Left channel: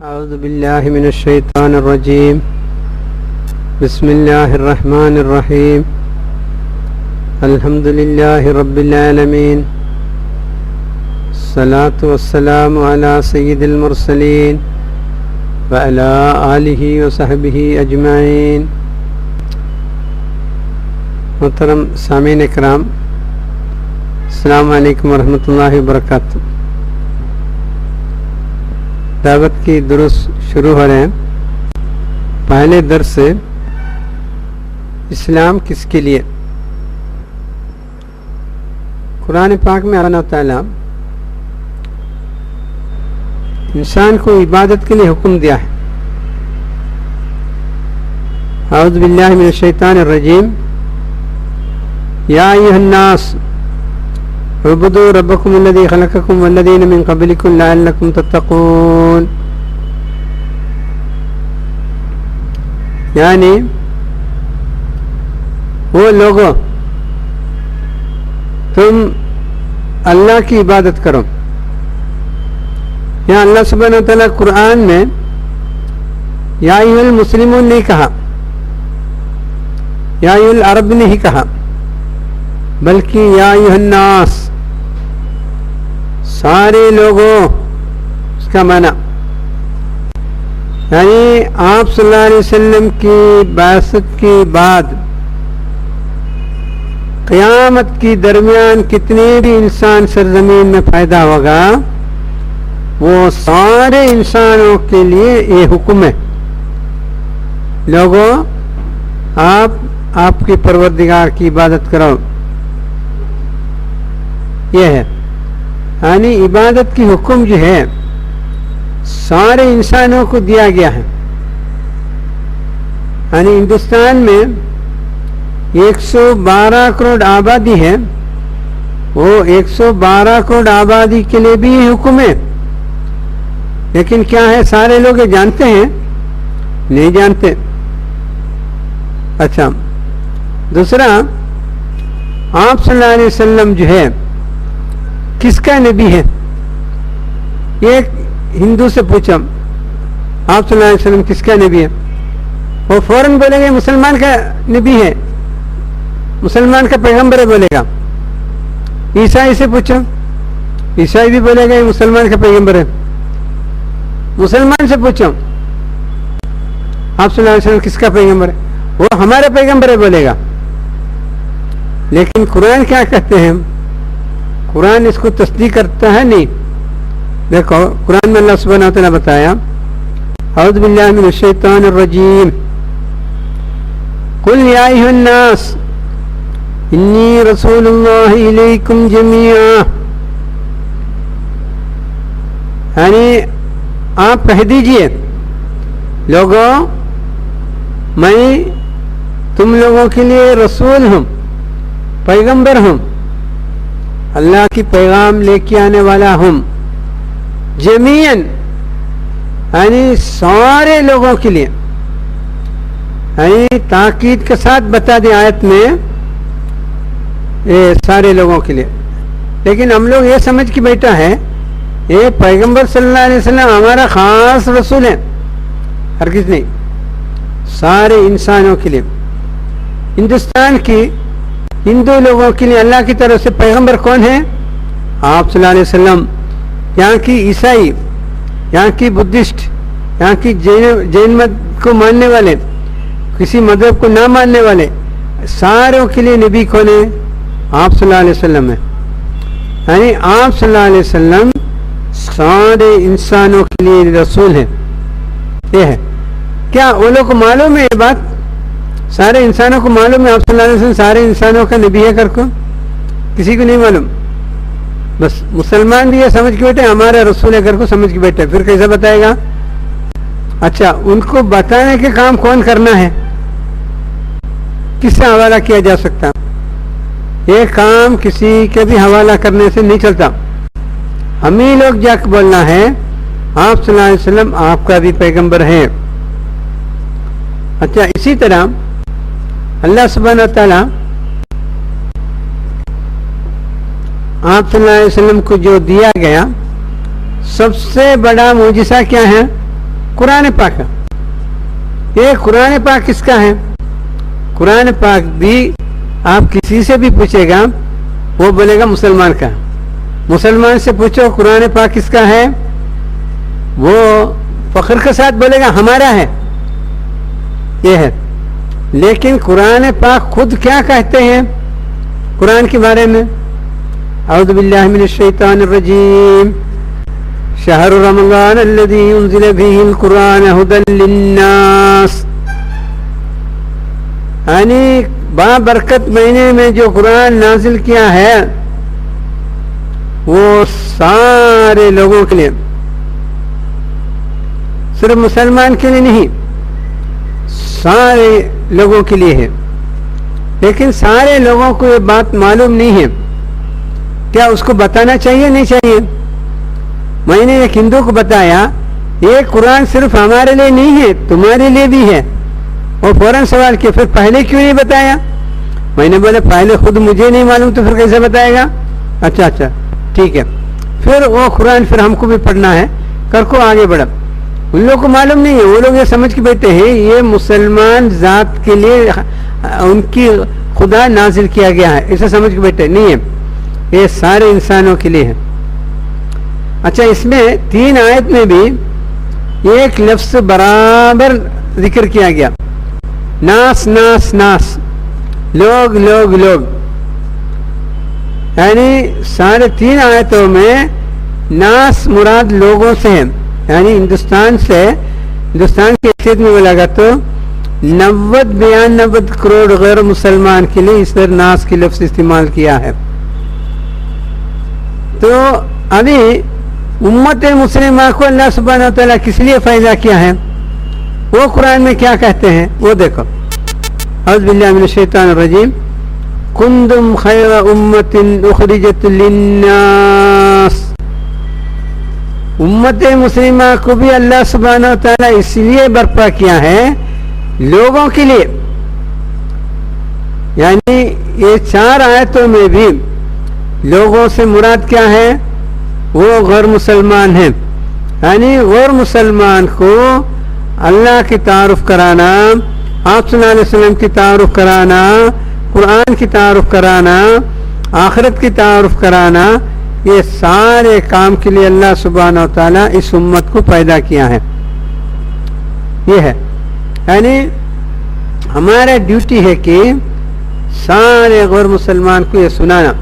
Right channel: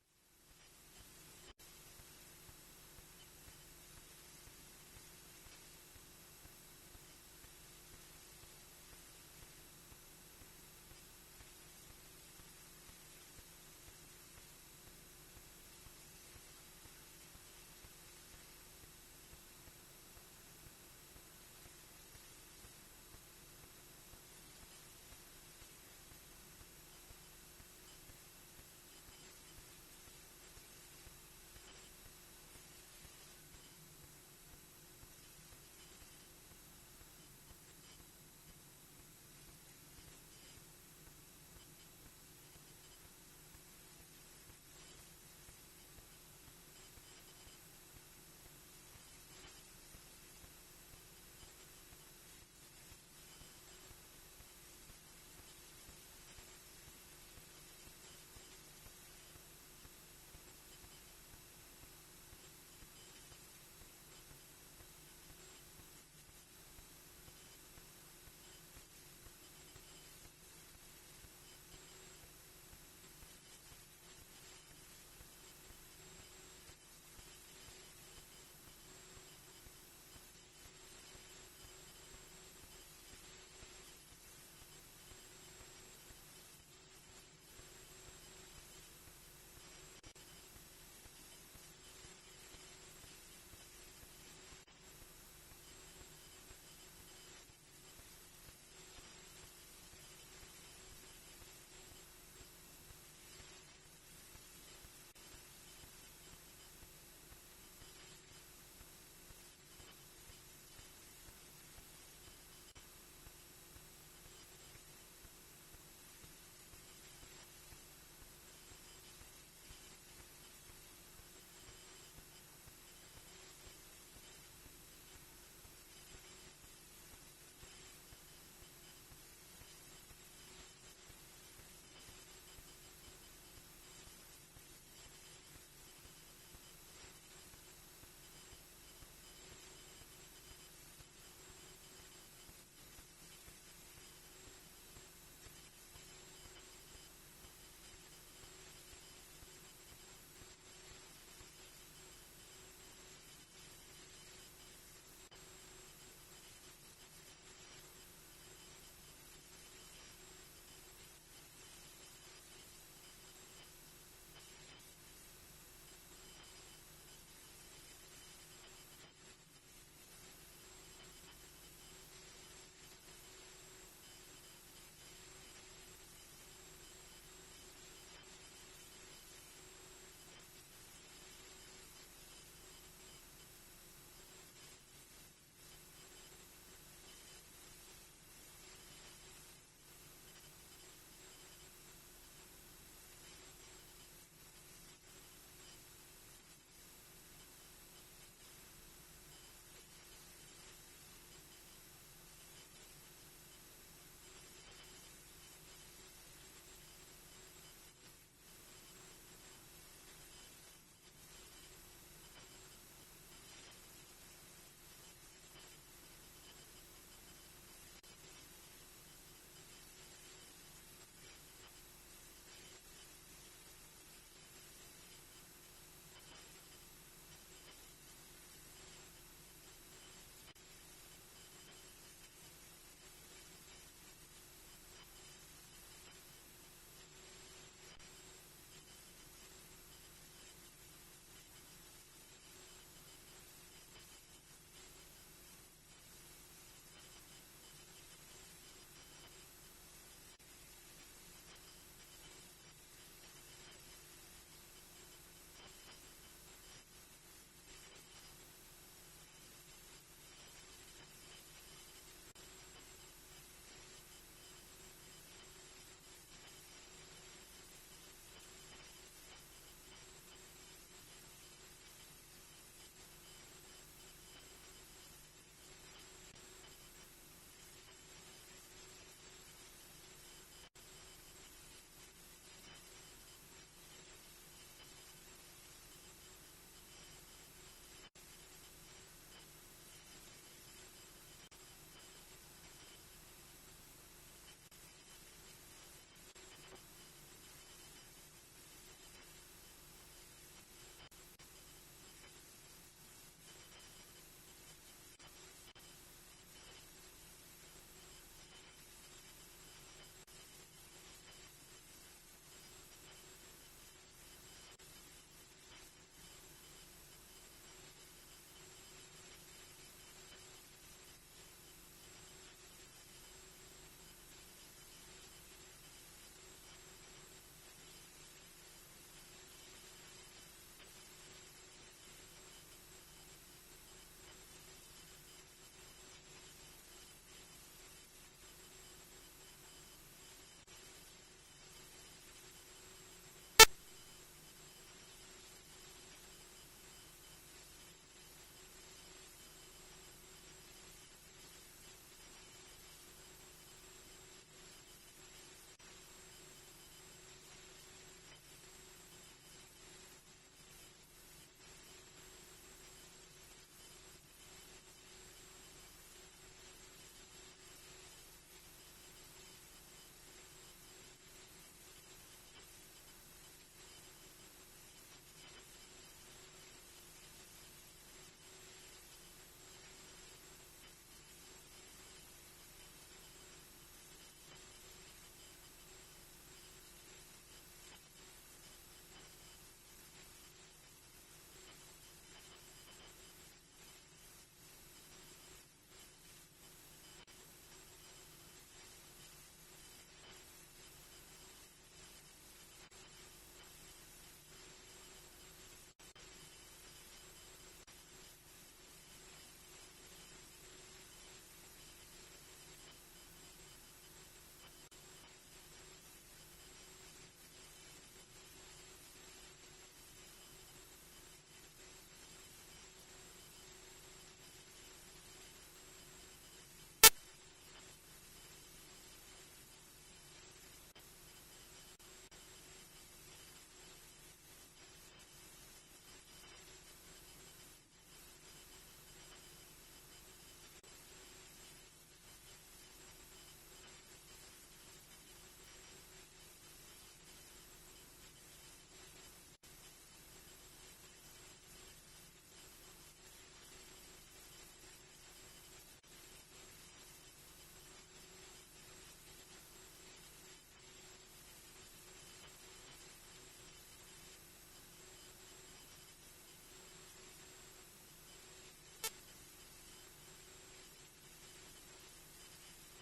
اعوذ باللہ من الشیطان الرجیم بسم اللہ الرحمن الرحیم الحمد للہ رب العالمین الصلاة والسلام علی سید المرسلین وعلی آلہ وصحبہ اجمعین۔ محترم سامعین اکرام، السلام علیکم ورحمۃ اللہ وبرکاتہ۔ دعوت کی دروس شروع ہو رہے ہیں۔ پہلے درس سے اسلام کس کے لیے؟ قرآن پاک میں اللہ تعالیٰ انسان کو عبادت کے لیے حکم دیا ہے۔ اعوذ باللہ من الشیطان الرجیم، یا ایھا الناس اعبدوا ربکم الذی خلقکم والذین من قبلکم لعلکم تتقون۔ یعنی وہ لوگوں، تم اللہ کی عبادت کرو۔ یہاں اللہ سبحانہ وتعالیٰ قرآن میں یا ایھا المسلمون نہیں کہا، یا ایھا العرب نہیں کہا، بلکہ یا ایھا الناس، سارے لوگوں، اس کا معنی یعنی آپ صلی اللہ علیہ وسلم کی بعثت کے بعد قیامت کی درمیان کتنے بھی انسان سرزمین میں پیدا ہوگا، وہ سارے انسانوں کے لیے یہ حکم ہے، لوگوں آپ کی پروردگار کی عبادت کرو۔ یہ ہے یعنی عبادت کی حکم جو ہے سارے انسانوں کو دیا گیا ہے۔ یعنی ہندوستان میں 112 کروڑ آبادی ہے، وہ 112 کروڑ آبادی کے لیے بھی یہ حکم ہے، لیکن کیا ہے سارے لوگ یہ جانتے ہیں؟ نہیں جانتے۔ اچھا، دوسرا، آپ صلی اللہ علیہ وسلم جو ہے کس کا نبی ہے؟ ایک ہندو سے پوچھا آپ صلی اللہ علیہ وسلم کس کا نبی ہے، وہ فوراً بولے گا مسلمان کا نبی ہے، مسلمان کا پیغمبر ہے بولے گا۔ عیسائی سے پوچھو، عیسائی بھی بولے گا یہ مسلمان کا پیغمبر ہے۔ مسلمان سے پوچھو آپ صلی اللہ علیہ وسلم کس کا پیغمبر ہے، وہ ہمارا پیغمبر ہے بولے گا۔ لیکن قرآن کیا کہتے ہیں؟ قرآن اس کو تصدیق کرتا ہے نہیں۔ دیکھو قرآن میں اللہ سبحانہ وتعالیٰ بتایا، اعوذ باللہ من الشیطان الرجیم، قل یا ایھا الناس انی رسول اللہ الیکم جمیعا۔ یعنی آپ کہہ دیجئے لوگوں، میں تم لوگوں کے لیے رسول ہوں، پیغمبر ہوں، اللہ کی پیغام لے کے آنے والا ہوں، جمیعاً یعنی سارے لوگوں کے لیے۔ یعنی تاکید کے ساتھ بتا دیں آیت میں یہ سارے لوگوں کے لیے، لیکن ہم لوگ یہ سمجھ کے بیٹھا ہے یہ پیغمبر صلی اللہ علیہ وسلم ہمارا خاص رسول ہے، ہرگز نہیں، سارے انسانوں کے لیے۔ ہندوستان کی ہندو لوگوں کے لیے اللہ کی طرف سے پیغمبر کون ہے؟ آپ صلی اللہ علیہ وسلم۔ یہاں کی عیسائی، یہاں کی بدھسٹ، یہاں کی جین مت کو ماننے والے، کسی مذہب کو نہ ماننے والے، ساروں کے لیے نبی کون ہے؟ آپ صلی اللہ علیہ وسلم ہے۔ یعنی آپ صلی اللہ علیہ وسلم سارے انسانوں کے لیے رسول ہیں۔ یہ ہے کیا وہ لوگ کو معلوم ہے یہ بات؟ سارے انسانوں کو معلوم ہے آپ صلی اللہ علیہ وسلم سارے انسانوں کا نبی ہے کر کو؟ کسی کو نہیں معلوم، بس مسلمان بھی یہ سمجھ کے بیٹھے ہمارا رسول ہے کر کو سمجھ کے بیٹھے، پھر کیسا بتائے گا؟ اچھا، ان کو بتانے کے کام کون کرنا ہے؟ کس سے حوالہ کیا جا سکتا؟ یہ کام کسی کے بھی حوالہ کرنے سے نہیں چلتا، ہم ہی لوگ جا کے بولنا ہے آپ صلی اللہ علیہ وسلم آپ کا بھی پیغمبر ہے۔ اچھا، اسی طرح اللہ سبحانہ وتعالیٰ آپ صلی اللہ علیہ وسلم کو جو دیا گیا سب سے بڑا معجزہ کیا ہے؟ قرآن پاک کا. یہ قرآن پاک کس کا ہے؟ قرآن پاک بھی آپ کسی سے بھی پوچھے گا وہ بولے گا مسلمان کا. مسلمان سے پوچھو قرآن پاک کس کا ہے، وہ فخر کے ساتھ بولے گا ہمارا ہے. یہ ہے. لیکن قرآن پاک خود کیا کہتے ہیں قرآن کے بارے میں؟ اعوذ باللہ من الشیطان الرجیم، شہر رمضان الذی انزل فیہ القرآن ھدی للناس. یعنی بابرکت مہینے میں جو قرآن نازل کیا ہے وہ سارے لوگوں کے لیے، صرف مسلمان کے لیے نہیں، سارے لوگوں کے لیے ہے. لیکن سارے لوگوں کو یہ بات معلوم نہیں ہے. کیا اس کو بتانا چاہیے نہیں چاہیے؟ میں نے ایک ہندو کو بتایا یہ قرآن صرف ہمارے لیے نہیں ہے تمہارے لیے بھی ہے. وہ فوراً سوال کیا پھر پہلے کیوں نہیں بتایا؟ میں نے بولا پہلے خود مجھے نہیں معلوم تو پھر کیسے بتائے گا؟ اچھا ٹھیک ہے. پھر وہ قرآن پھر ہم کو بھی پڑھنا ہے، کر کو آگے بڑھا. ان لوگوں کو معلوم نہیں ہے، وہ لوگ یہ سمجھ کے بیٹھے ہیں یہ مسلمان ذات کے لیے ان کی خدا نازل کیا گیا ہے، اسے سمجھ کے بیٹھے نہیں ہے، یہ سارے انسانوں کے لیے ہے. اچھا اس میں 3 آیت میں بھی ایک لفظ برابر ذکر کیا گیا، ناس ناس ناس، لوگ لوگ لوگ. یعنی سارے 3 آیتوں میں ناس مراد لوگوں سے ہے. یعنی ہندوستان کی حیثیت میں بولا گا تو 90-92 کروڑ غیر مسلمان کے لیے اس طرح ناس کی لفظ استعمال کیا ہے. تو ابھی امت مسلمہ کو اللہ سبحانہ وتعالیٰ کس لیے فائدہ کیا ہے وہ قرآن میں کیا کہتے ہیں وہ دیکھو. اعوذ باللہ من الشیطان الرجیم، کنتم خیر امت اخرجت للناس. امت مسلمہ کو بھی اللہ سبحانہ وتعالیٰ اس لیے برپا کیا ہے لوگوں کے لیے. یعنی یہ 4 آیتوں میں بھی لوگوں سے مراد کیا ہے؟ وہ غیر مسلمان ہیں. یعنی غیر مسلمان کو اللہ کی تعارف کرانا، آپ صلی اللہ علیہ وسلم کی تعارف کرانا، قرآن کی تعارف کرانا، آخرت کی تعارف کرانا، یہ سارے کام کے لیے اللہ سبحانہ و تعالیٰ اس امت کو پیدا کیا ہے. یہ ہے یعنی ہمارا ڈیوٹی ہے کہ سارے غیر مسلمان کو یہ سنانا.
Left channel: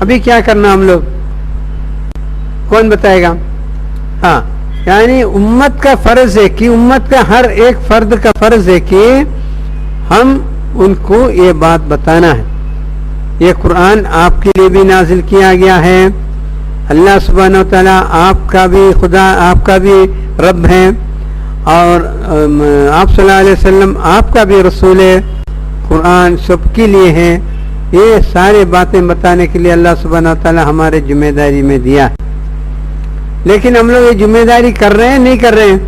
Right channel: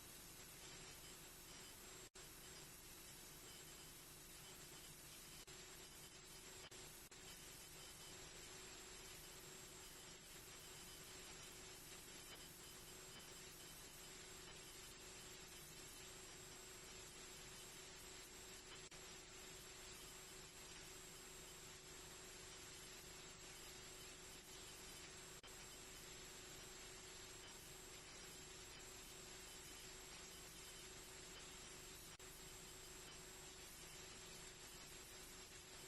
ابھی کیا کرنا ہم لوگ، کون بتائے گا؟ ہاں یعنی امت کا فرض ہے کہ امت کا ہر ایک فرد کا فرض ہے کہ ہم ان کو یہ بات بتانا ہے. یہ قرآن آپ کے لیے بھی نازل کیا گیا ہے. اللہ سبحانہ و تعالیٰ آپ کا بھی خدا، آپ کا بھی رب ہے، اور آپ صلی اللہ علیہ وسلم آپ کا بھی رسول ہے. قرآن سب کے لیے ہے. یہ سارے باتیں بتانے کے لیے اللہ سبحانہ و تعالیٰ ہمارے ذمہ داری میں دیا ہے. لیکن ہم لوگ یہ ذمہ داری کر رہے ہیں نہیں کر رہے ہیں؟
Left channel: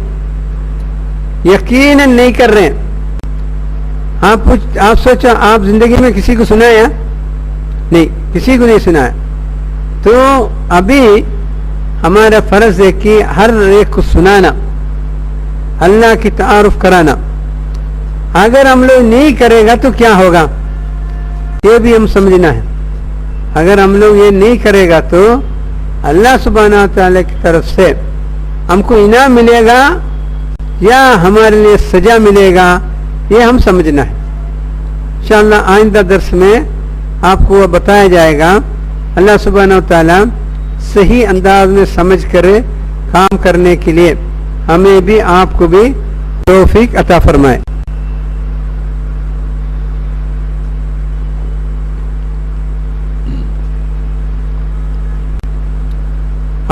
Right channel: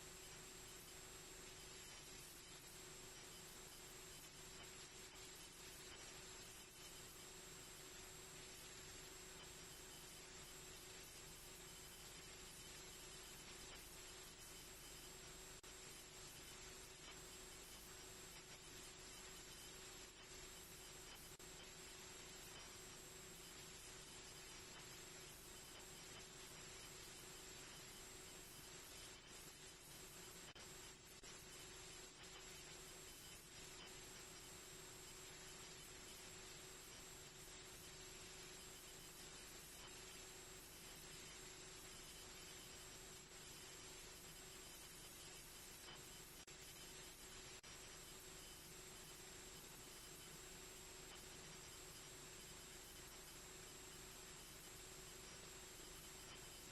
یقیناً نہیں کر رہے ہیں. آپ سوچو آپ زندگی میں کسی کو سنایا؟ نہیں، کسی کو نہیں سنایا. تو ابھی ہمارا فرض ہے کہ ہر ایک کو سنانا، اللہ کی تعارف کرانا. اگر ہم لوگ نہیں کرے گا تو کیا ہوگا یہ بھی ہم سمجھنا ہے. اگر ہم لوگ یہ نہیں کرے گا تو اللہ سبحانہ تعالیٰ کی طرف سے ہم کو انعام ملے گا یا ہمارے لیے سزا ملے گا، یہ ہم سمجھنا ہے. انشاءاللہ آئندہ درس میں آپ کو وہ بتایا جائے گا. اللہ سبحانہ تعالیٰ صحیح انداز میں سمجھ کر کام کرنے کے لیے ہمیں بھی آپ کو بھی توفیق عطا فرمائے.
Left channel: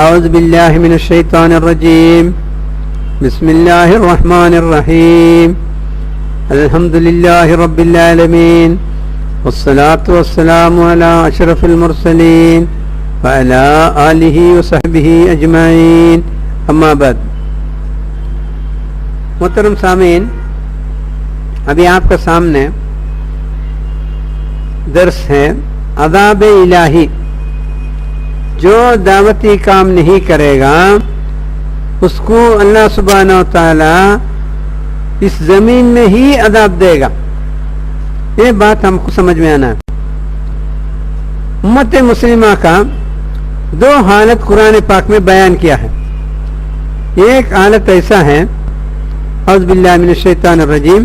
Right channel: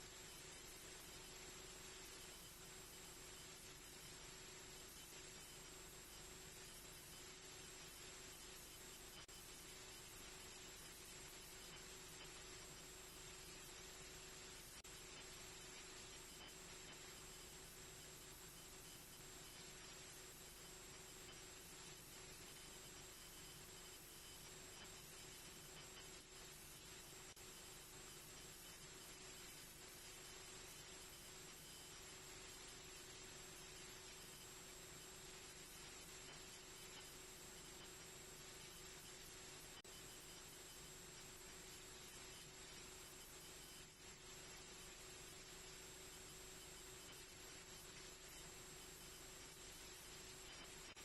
اعوذ باللہ من الشیطان الرجیم، بسم اللہ الرحمن الرحیم، الحمد للہ رب العالمین، والصلاة والسلام علی اشرف المرسلین وعلی آلہ وصحبہ اجمعین، اما بعد. محترم سامعین، ابھی آپ کا سامنے درس ہے عذاب الہی. جو دعوتی کام نہیں کرے گا اس کو اللہ سبحانہ و تعالی اس زمین میں ہی عذاب دے گا. یہ بات ہم کو سمجھ میں آنا ہے. امت مسلمہ کا دو حالت قرآن پاک میں بیان کیا ہے. ایک حالت ایسا ہے اعوذ باللہ من الشیطان الرجیم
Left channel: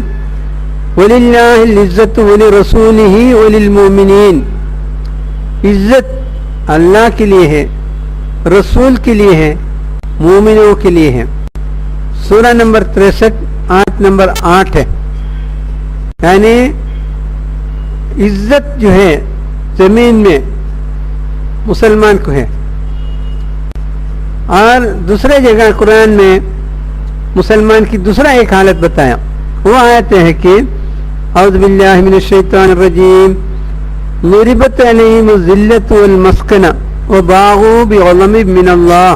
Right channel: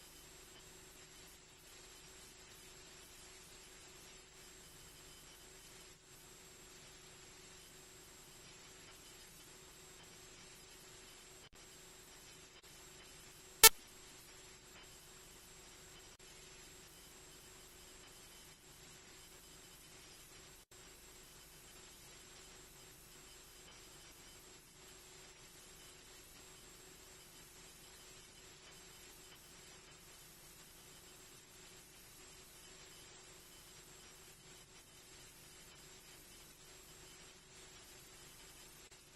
وَلِلَّهِ الْعِزَّةُ وَلِرَسُولِهِ وَلِلْمُؤْمِنِينَ. عزت اللہ کے لیے ہے, رسول کے لیے ہے, مومنوں کے لیے ہے. سورہ نمبر 63 آیت نمبر 8 ہے. یعنی عزت جو ہے زمین میں مسلمان کو ہے. اور دوسرے جگہ قرآن میں مسلمان کی دوسرا ایک حالت بتایا. وہ آیت ہے کہ اعوذ باللہ من الشیطان الرجیم ضربت علیہم الذلۃ والمسکنہ وباغوا بغضب من اللہ.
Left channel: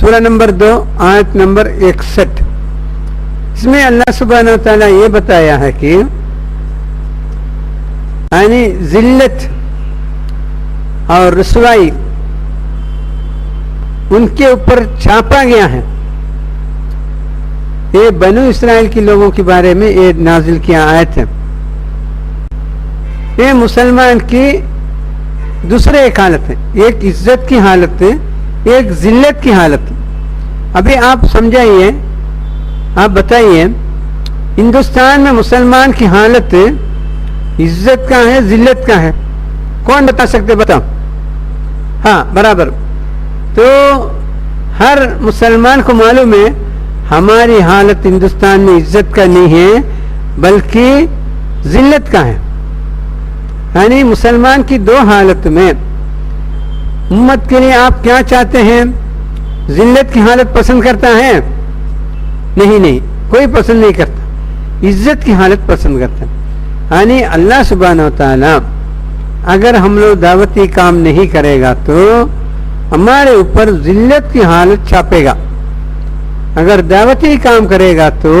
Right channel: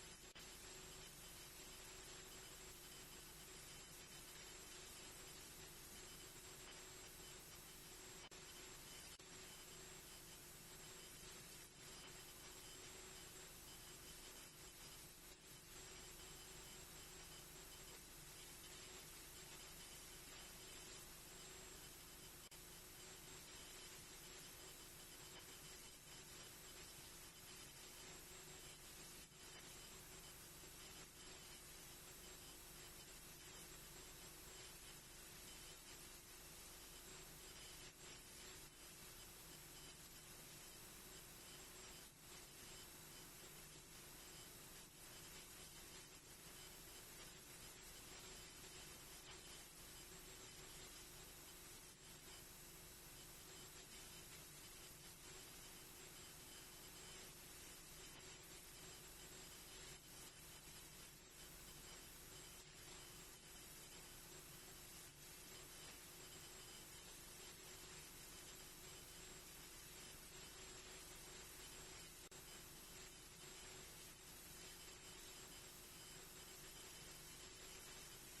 سورہ نمبر 2 آیت نمبر 61. اس میں اللہ سبحانہ و تعالیٰ یہ بتایا ہے کہ یعنی ذلت اور رسوائی ان کے اوپر چھاپا گیا ہے. یہ بنو اسرائیل کے لوگوں کے بارے میں یہ نازل کیا آیت ہے. یہ مسلمان کی دوسرے ایک حالت ہے. ایک عزت کی حالت ہے, ایک ذلت کی حالت ہے. ابھی آپ سمجھائیے, آپ بتائیے ہندوستان میں مسلمان کی حالت عزت کا ہے ذلت کا ہے؟ کون بتا سکتے؟ بتاؤ. ہاں برابر. تو ہر مسلمان کو معلوم ہے ہماری حالت ہندوستان میں عزت کا نہیں ہے بلکہ ذلت کا ہے. یعنی مسلمان کی دو حالت میں امت کے لیے آپ کیا چاہتے ہیں؟ ذلت کی حالت پسند کرتا ہے؟ نہیں, کوئی پسند نہیں کرتا. عزت کی حالت پسند کرتا ہے. یعنی اللہ سبحانہ و تعالی اگر ہم لوگ دعوتی کام نہیں کرے گا تو ہمارے اوپر ذلت کی حالت چھاپے گا. اگر دعوتی کام کرے گا تو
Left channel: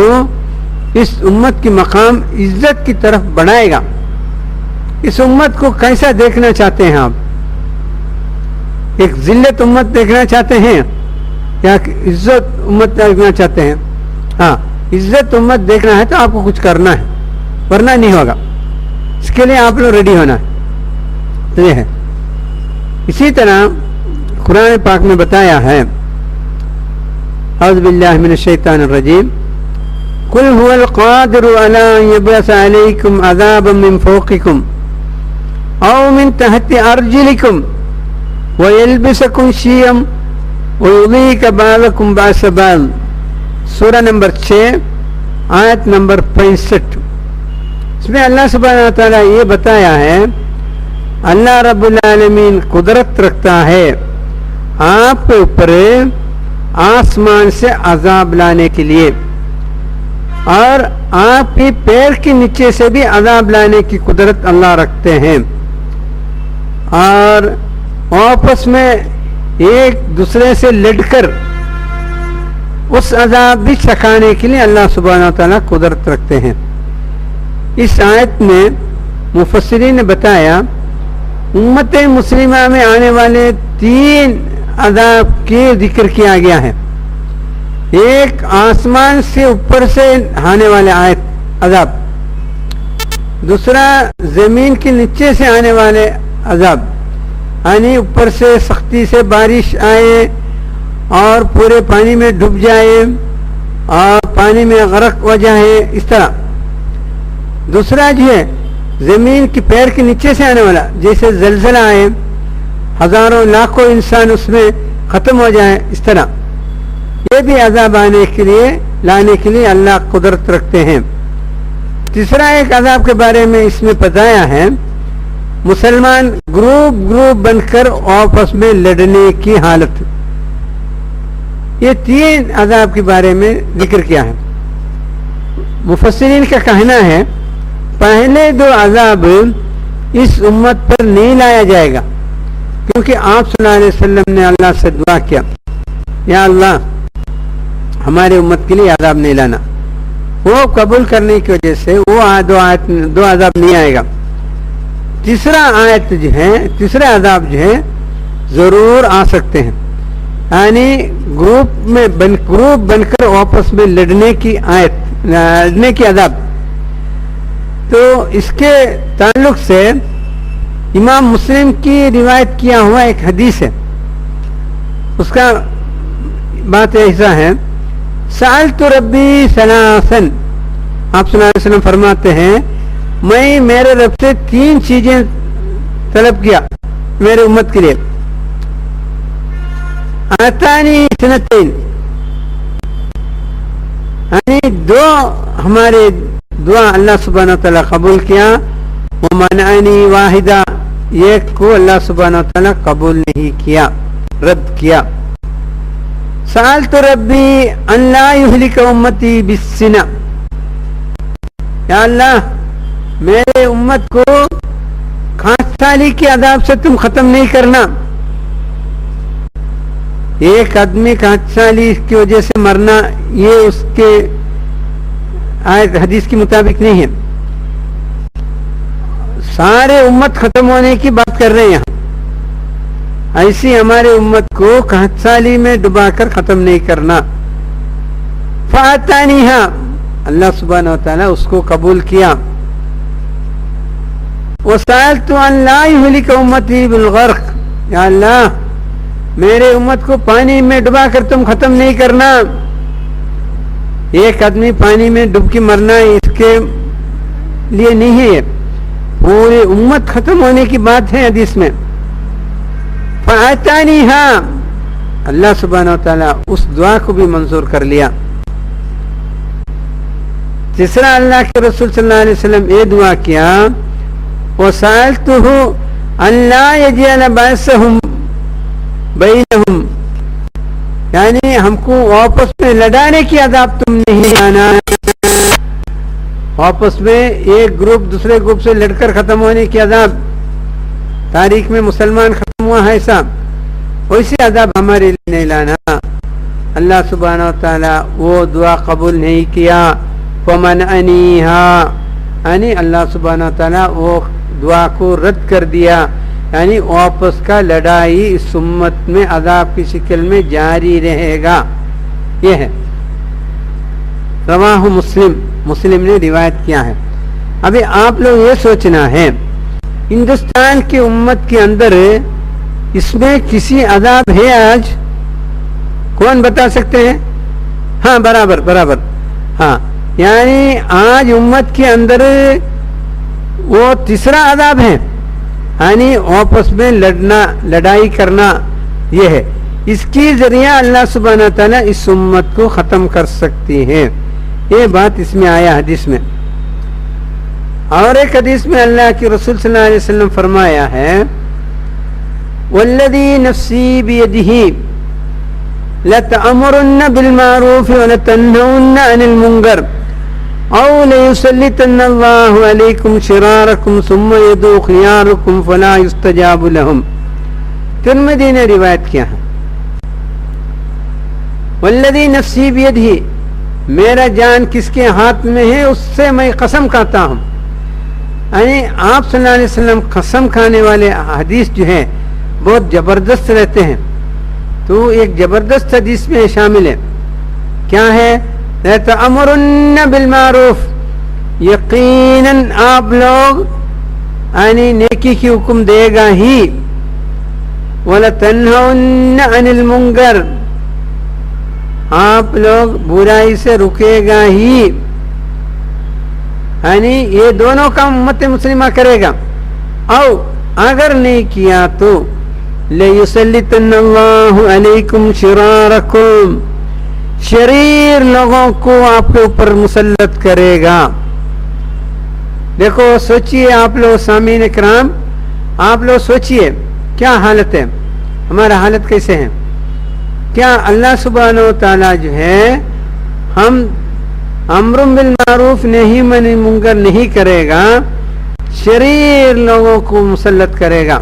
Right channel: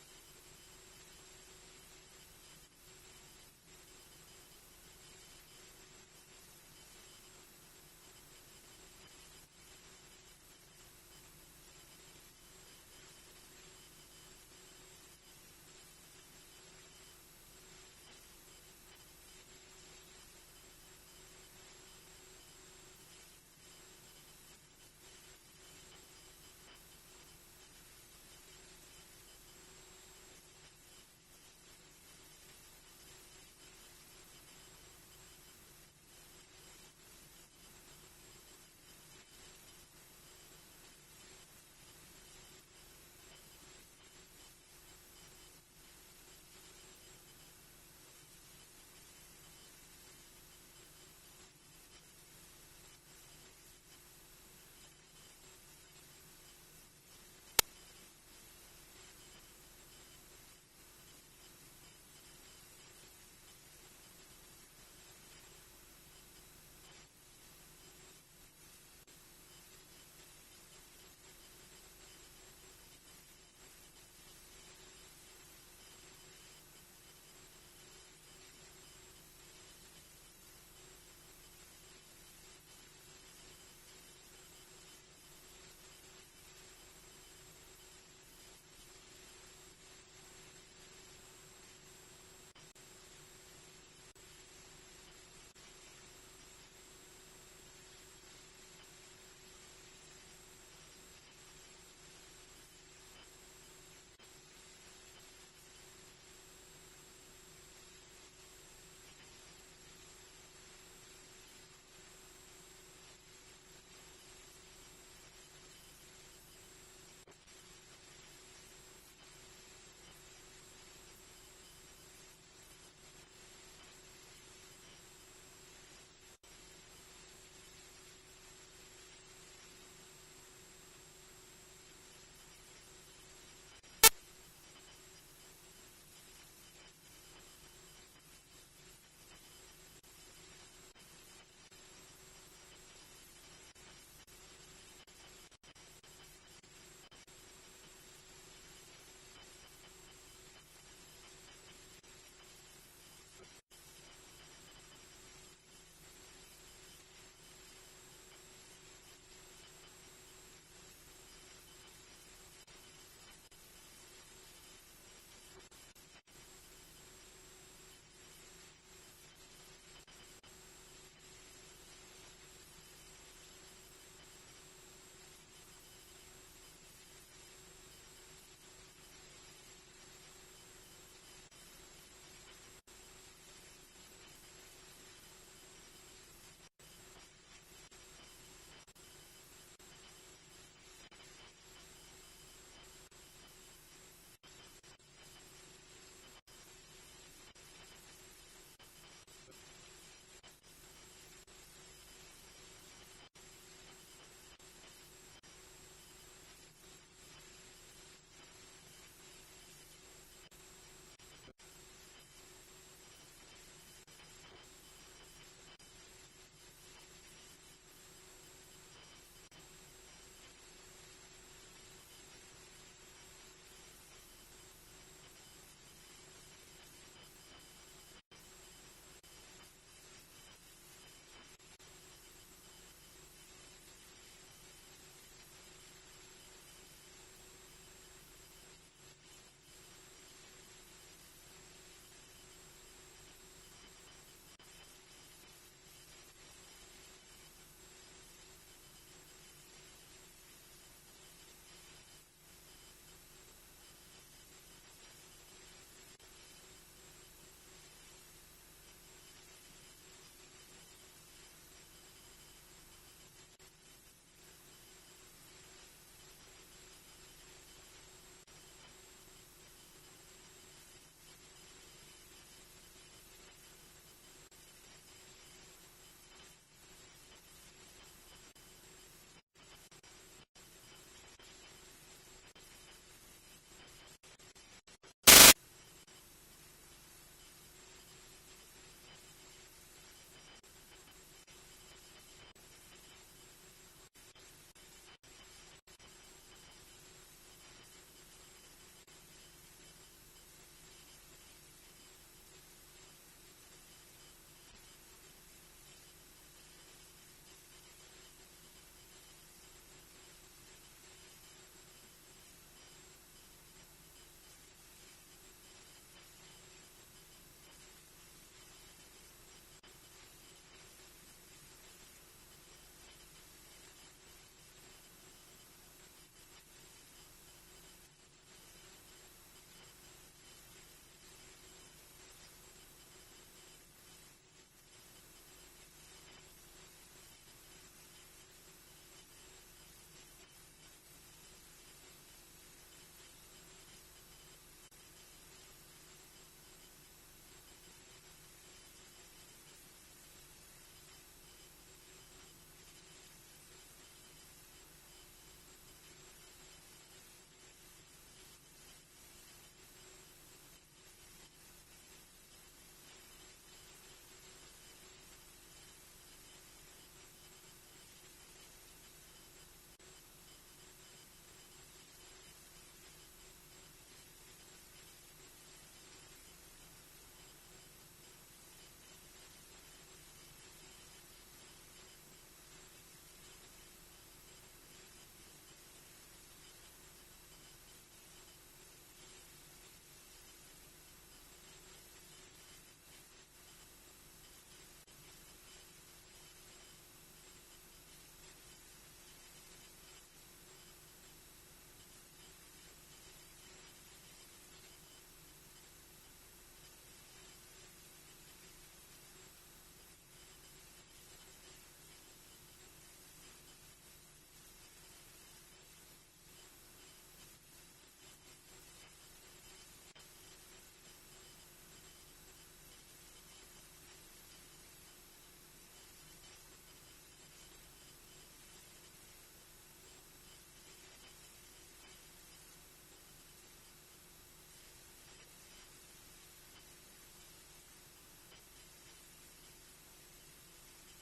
اس امت کی مقام عزت کی طرف بڑھائے گا. اس امت کو کیسا دیکھنا چاہتے ہیں آپ؟ ایک ذلت امت دیکھنا چاہتے ہیں یا عزت امت دیکھنا چاہتے ہیں؟ ہاں, عزت امت دیکھنا ہے تو آپ کو کچھ کرنا ہے, ورنہ نہیں ہوگا. اس کے لیے آپ لوگ ریڈی ہونا ہے. تو یہ ہے. اسی طرح قرآن پاک میں بتایا ہے اعوذ باللہ من الشیطان الرجیم قل هو القادر علی ان یبعث علیکم عذابا من فوقکم او من تحت ارجلکم ویلبسکم شیعا ویذیق بعضکم بعض بعض. سورہ نمبر 6 آیت نمبر 65. اس میں اللہ سبحانہ و تعالیٰ یہ بتایا ہے اللہ رب العالمین قدرت رکھتا ہے آپ کے اوپر آسمان سے عذاب لانے کے لیے, اور آپ کی پیر کے نیچے سے بھی عذاب لانے کی قدرت اللہ رکھتے ہیں. اور آپس میں ایک دوسرے سے لڑ کر اس عذاب بھی چکھانے کے لیے اللہ سبحانہ و تعالیٰ قدرت رکھتے ہیں. اس آیت میں مفسرین نے بتایا امت مسلمہ میں آنے والے 3 عذاب کی ذکر کیا گیا ہے. ایک آسمان سے اوپر سے آنے والے عذاب, دوسرا زمین کے نیچے سے آنے والے عذاب, یعنی اوپر سے سختی سے بارش آئے اور پورے پانی میں ڈوب جائے اور پانی میں غرق ہو جائے, اس طرح. دوسرا جو ہے زمین کی پیر کے نیچے سے آنے والا, جیسے زلزلہ آئے, ہزاروں لاکھوں انسان اس میں ختم ہو جائے, اس طرح. یہ بھی عذاب لانے کے لیے اللہ قدرت رکھتے ہیں. تیسرا ایک عذاب کے بارے میں اس میں بتایا ہے مسلمان گروپ بن کر آپس میں لڑنے کی حالت. یہ 3 عذاب کے بارے میں ذکر کیا ہے. مفسرین کا کہنا ہے پہلے 2 عذاب اس امت پر نہیں لایا جائے گا, کیونکہ آپ صلی اللہ علیہ وسلم نے اللہ سے دعا کیا یا اللہ ہمارے امت کے لیے عذاب نہیں لانا. وہ قبول کرنے کی وجہ سے وہ 2 عذاب نہیں آئے گا. تیسرا عذاب جو ہے ضرور آ سکتے ہیں. یعنی گروپ بن کر آپس میں لڑنے کی عذاب. تو اس کے تعلق سے امام مسلم کی روایت کیا ہوا ایک حدیث ہے, اس کا بات ایسا ہے, سألت ربی ثلاثا, آپ صلی اللہ علیہ وسلم فرماتے ہیں میں میرے رب سے 3 چیزیں طلب کیا میرے امت کے لیے. آتانی سنتین, یعنی 2 ہمارے دعا اللہ سبحانہ وتعالی قبول کیا, ومنعنی واحدہ, 1 کو اللہ سبحانہ وتعالی قبول نہیں کیا, رد کیا. سألت ربی ان لا یہلک امتی بالسنہ, یا اللہ میرے امت کو کھانسالی کے عذاب سے تم ختم نہیں کرنا. ایک آدمی کھانسالی کی وجہ سے مرنا یہ اس کے آیت حدیث کے مطابق نہیں ہے, سارے امت ختم ہونے کی بات کر رہے ہیں یہاں. ایسی ہمارے امت کو کھانسالی میں ڈبا کر ختم نہیں کرنا. فاتانیہا, اللہ سبحانہ وتعالی اس کو قبول کیا. وسألت ان لا یہلک امتی بالغرق, یا اللہ میرے امت کو پانی میں ڈبا کر تم ختم نہیں کرنا. ایک آدمی پانی میں ڈب کے مرنا اس کے لیے نہیں ہے, پوری امت ختم ہونے کی بات ہے حدیث میں. فآتانیہا, اللہ سبحانہ وتعالی اس دعا کو بھی منظور کر لیا. تیسرا اللہ کے رسول صلی اللہ علیہ وسلم یہ دعا کیا, وسألتہ ان لا یجعل بأسہم بینہم, یعنی ہم کو آپس میں لڑانے کی عذاب تم نہیں لانا. آپس میں ایک گروپ دوسرے گروپ سے لڑ کر ختم ہونے کی عذاب, تاریخ میں مسلمان ختم ہوا ہے ایسا, ویسے عذاب ہمارے لیے نہیں لانا. اللہ سبحانہ وتعالی وہ دعا قبول نہیں کیا. ومنعنیہا, یعنی اللہ سبحانہ وتعالی وہ دعا کو رد کر دیا, یعنی آپس کا لڑائی اس امت میں عذاب کی شکل میں جاری رہے گا. یہ ہے رواہ مسلم نے روایت کیا ہے. ابھی آپ لوگ یہ سوچنا ہے ہندوستان کی امت کے اندر اس میں کسی عذاب ہے آج؟ کون بتا سکتے ہیں؟ ہاں برابر ہاں, یعنی آج امت کے اندر وہ تیسرا عذاب ہے, یعنی آپس میں لڑائی کرنا. یہ ہے اس کی ذریعہ اللہ سبحانہ تعالیٰ اس امت کو ختم کر سکتی ہے. یہ بات اس میں آیا حدیث میں. اور ایک حدیث میں اللہ کے رسول صلی اللہ علیہ وسلم فرمایا ہے, والذی نفسی بیدہ لتأمرن بالمعروف ولتنہون عن المنکر او لیسلطن اللہ علیکم شرارکم ثم یدعو خیارکم فلا یستجاب لہم. ترمذی نے روایت کیا ہے, والذی نفسی بیدہ, میرا جان کس کے ہاتھ میں ہے اس سے میں قسم کھاتا ہوں. یعنی آپ صلی اللہ علیہ وسلم قسم کھانے والے حدیث جو ہے بہت زبردست رہتے ہیں. تو ایک زبردست حدیث میں شامل ہے, کیا ہے؟ لَتَأْمُرُنَّ بِالْمَعْرُوف, یقیناً آپ لوگ یعنی نیکی کی حکم دے گا ہی. وَلَتَنْهُنَّ عَنِ الْمُنْكَرِ, آپ لوگ برائی سے رکے گا ہی. یعنی یہ دونوں کام امت مسلمہ کرے گا. او اگر نہیں کیا تو لَيُسَلِّطَنَّ اللَّهُ عَلَيْكُمْ شِرَارَكُمْ, شریر لوگوں کو آپ کے اوپر مسلط کرے گا. دیکھو سوچئے آپ لوگ سامعین کرام, آپ لوگ سوچئے کیا حالت ہے, ہمارا حالت کیسے ہے. کیا اللہ سبحانہ و تعالی جو ہے ہم امر بالمعروف نہیں منع منکر نہیں کرے گا, شریر لوگوں کو مسلط کرے گا.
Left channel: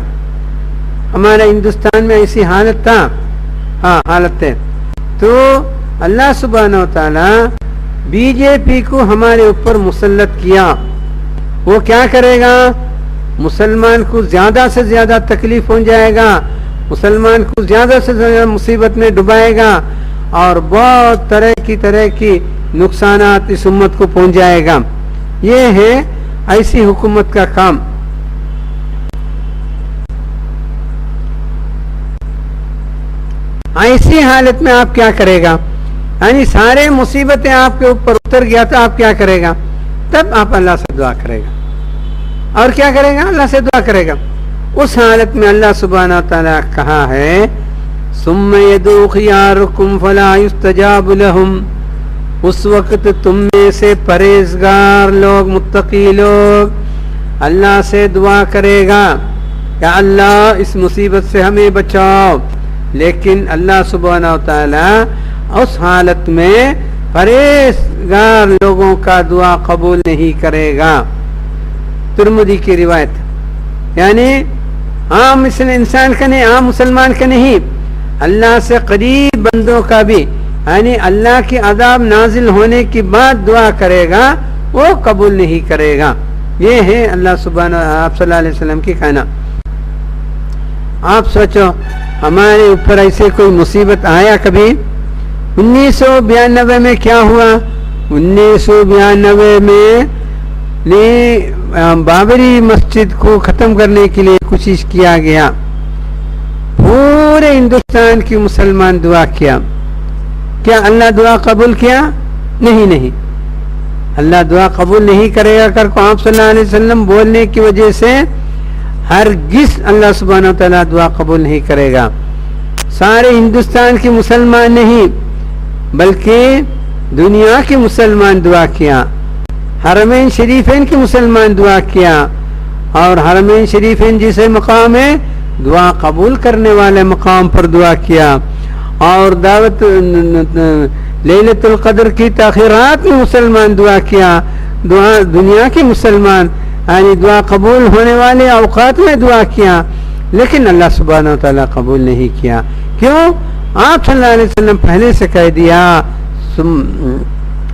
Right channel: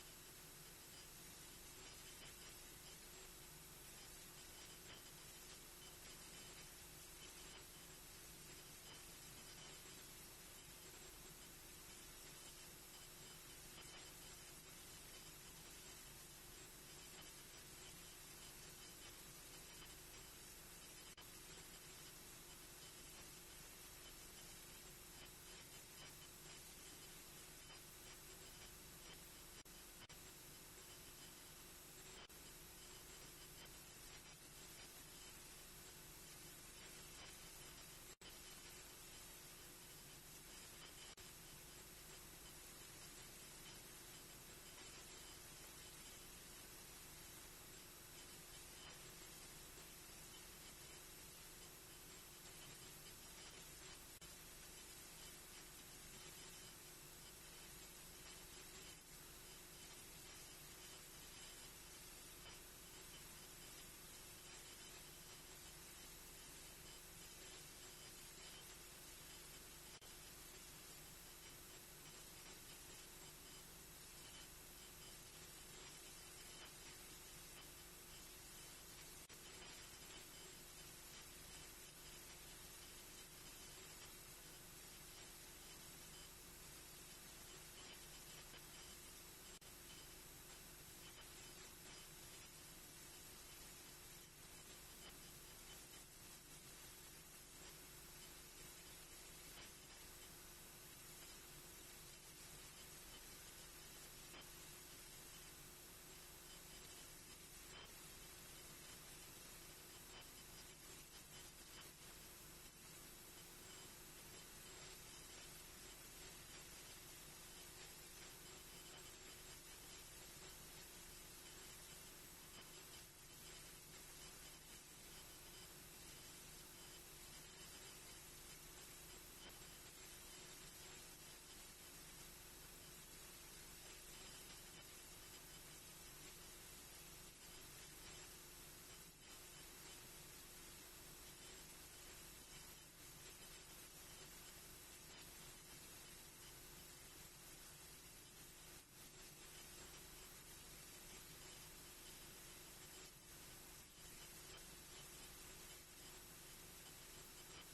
ہمارا ہندوستان میں ایسی حالت تھا, ہاں حالت ہے. تو اللہ سبحانہ و تعالی بی جے پی کو ہمارے اوپر مسلط کیا. وہ کیا کرے گا؟ مسلمان کو زیادہ سے زیادہ تکلیف ہو جائے گا, مسلمان کو زیادہ سے زیادہ مصیبت میں ڈبائے گا اور بہت طرح کی نقصانات اس امت کو پہنچائے گا. یہ ہے ایسی حکومت کا کام. ایسی حالت میں آپ کیا کرے گا؟ یعنی سارے مصیبتیں آپ کے اوپر اتر گیا تو آپ کیا کرے گا؟ تب آپ اللہ سے دعا کرے گا. اور کیا کرے گا؟ اللہ سے دعا کرے گا. اس حالت میں اللہ سبحانہ وتعالی کہا ہے ثم يدعو خياركم فلا يستجاب لهم. اس وقت تم میں سے پرہیزگار لوگ، متقی لوگ اللہ سے دعا کرے گا کہ اللہ اس مصیبت سے ہمیں بچاؤ، لیکن اللہ سبحانہ وتعالی اس حالت میں پرہیزگار لوگوں کا دعا قبول نہیں کرے گا. ترمذی کی روایت. یعنی عام انسان کا نہیں، عام مسلمان کا نہیں، اللہ سے قریب بندوں کا بھی، یعنی اللہ کی عذاب نازل ہونے کی بعد دعا کرے گا وہ قبول نہیں کرے گا. یہ ہے اللہ سبحانہ آپ صلی اللہ علیہ وسلم کی کہنا. آپ سوچو ہمارے اوپر ایسے کوئی مصیبت آیا کبھی؟ 1992 میں کیا ہوا؟ 1992 میں بابری مسجد کو ختم کرنے کے لیے کوشش کیا گیا. پورے ہندوستان کی مسلمان دعا کیا. کیا اللہ دعا قبول کیا؟ نہیں. اللہ دعا قبول نہیں کرے گا کر کو آپ صلی اللہ علیہ وسلم بولنے کی وجہ سے ہرگز اللہ سبحانہ وتعالی دعا قبول نہیں کرے گا. سارے ہندوستان کے مسلمان نہیں بلکہ دنیا کے مسلمان دعا کیا. حرمین شریفین کے مسلمان دعا کیا، اور حرمین شریفین جسے مقام ہے دعا قبول کرنے والے مقام پر دعا کیا. اور دعوت لیلۃ القدر کی تاخیرات میں مسلمان دعا کیا. دنیا کے مسلمان یعنی دعا قبول ہونے والے اوقات میں دعا کیا، لیکن اللہ سبحانہ وتعالی قبول نہیں کیا. کیوں؟ آپ صلی اللہ علیہ وسلم پہلے سے کہہ دیا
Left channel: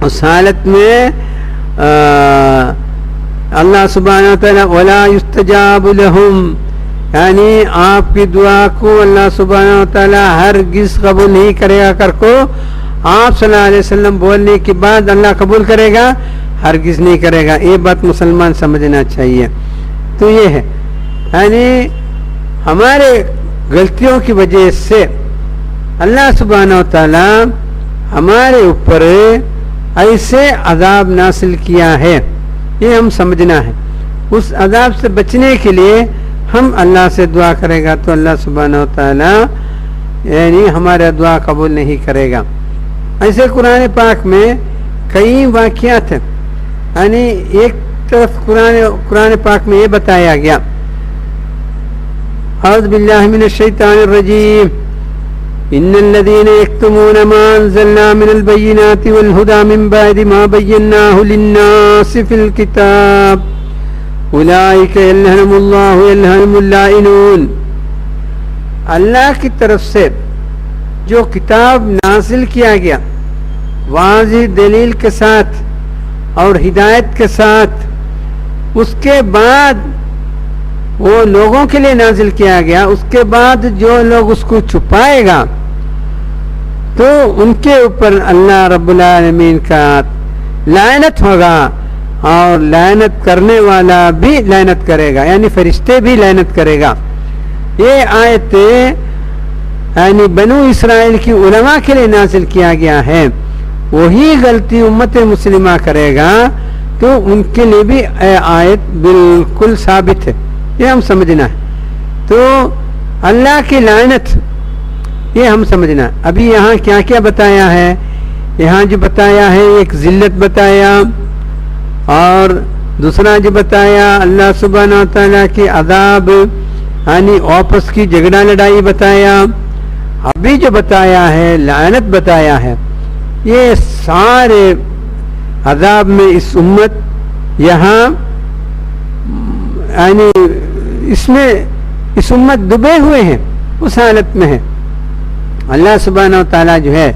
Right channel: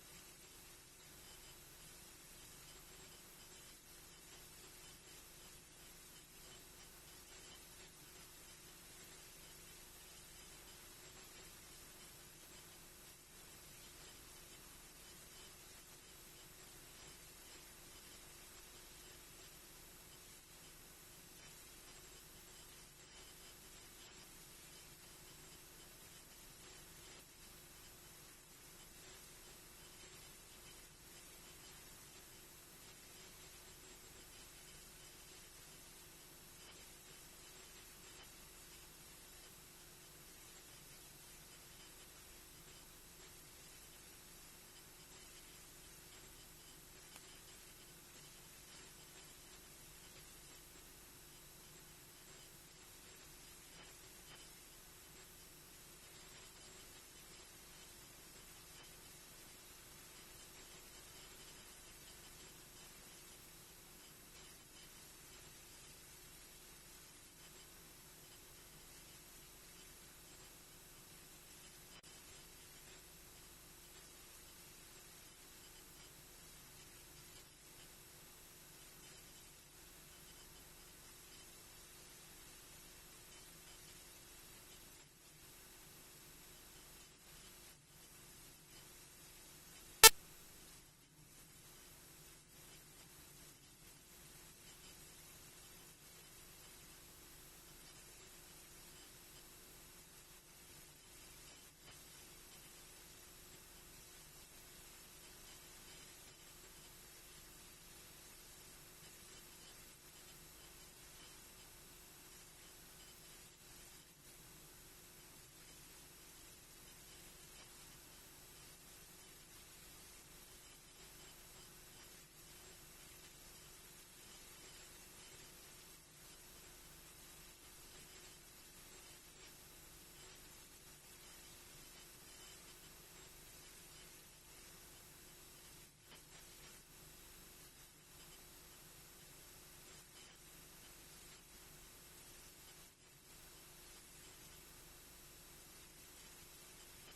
اس حالت میں اللہ سبحانہ وتعالی ولا یستجاب لهم، یعنی آپ کی دعا کو اللہ سبحانہ وتعالی ہرگز قبول نہیں کرے گا کر کو آپ صلی اللہ علیہ وسلم بولنے کے بعد اللہ قبول کرے گا؟ ہرگز نہیں کرے گا. یہ بات مسلمان سمجھنا چاہیے. تو یہ ہے یعنی ہمارے غلطیوں کی وجہ سے اللہ سبحانہ وتعالی ہمارے اوپر ایسے عذاب نازل کیا ہے، یہ ہم سمجھنا ہے. اس عذاب سے بچنے کے لیے ہم اللہ سے دعا کرے گا تو اللہ سبحانہ وتعالی یعنی ہمارا دعا قبول نہیں کرے گا. ایسے قرآن پاک میں کئی واقعات ہیں. یعنی ایک طرف قرآن پاک میں یہ بتایا گیا اعوذ باللہ من الشیطان الرجیم ان الذين يكتمون ما انزلنا من البينات والهدى من بعد ما بيناه للناس في الكتاب اولئك يلعنهم الله يلعنهم اللائنون. اللہ کی طرف سے جو کتاب نازل کیا گیا واضح دلیل کے ساتھ اور ہدایت کے ساتھ، اس کے بعد وہ لوگوں کے لیے نازل کیا گیا، اس کے بعد جو لوگ اس کو چھپائے گا تو ان کے اوپر اللہ رب العالمین کا لعنت ہوگا، اور لعنت کرنے والا بھی لعنت کرے گا، یعنی فرشتے بھی لعنت کرے گا. یہ آیت یعنی بنو اسرائیل کی علماء کے لیے نازل کیا گیا ہے. وہی غلطی امت مسلمہ کرے گا تو ان کے لیے بھی آیت بالکل ثابت ہے. یہ ہم سمجھنا ہے. تو اللہ کی لعنت یہ ہم سمجھنا. ابھی یہاں کیا کیا بتایا ہے؟ یہاں جو بتایا ہے ایک ذلت بتایا، اور دوسرا جو بتایا اللہ سبحانہ وتعالیٰ کی عذاب یعنی آپس کی جھگڑا لڑائی بتایا. ابھی جو بتایا ہے لعنت بتایا ہے. یہ سارے عذاب میں اس امت یہاں یعنی اس امت ڈوبے ہوئے ہیں، اس حالت میں ہے. اللہ سبحانہ وتعالیٰ جو ہے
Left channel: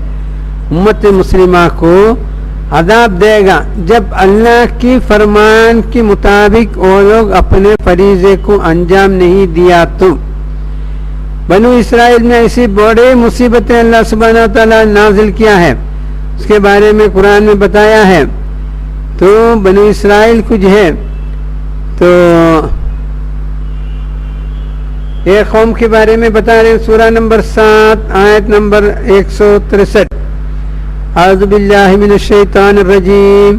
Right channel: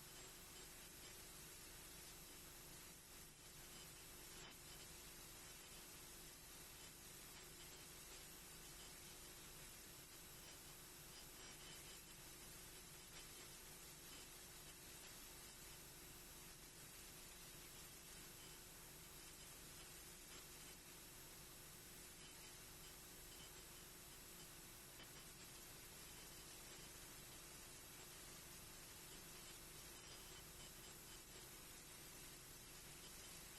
امت مسلمہ کو عذاب دے گا جب اللہ کی فرمان کے مطابق وہ لوگ اپنے فریضے کو انجام نہیں دیا تو. بنو اسرائیل میں ایسی بڑی مصیبتیں اللہ سبحانہ وتعالیٰ نازل کیا ہے، اس کے بارے میں قرآن میں بتایا ہے. تو بنو اسرائیل کو جو ہے تو ایک قوم کے بارے میں بتا رہے ہیں، سورہ نمبر 7 آیت نمبر 163. اعوذ باللہ من الشیطان الرجیم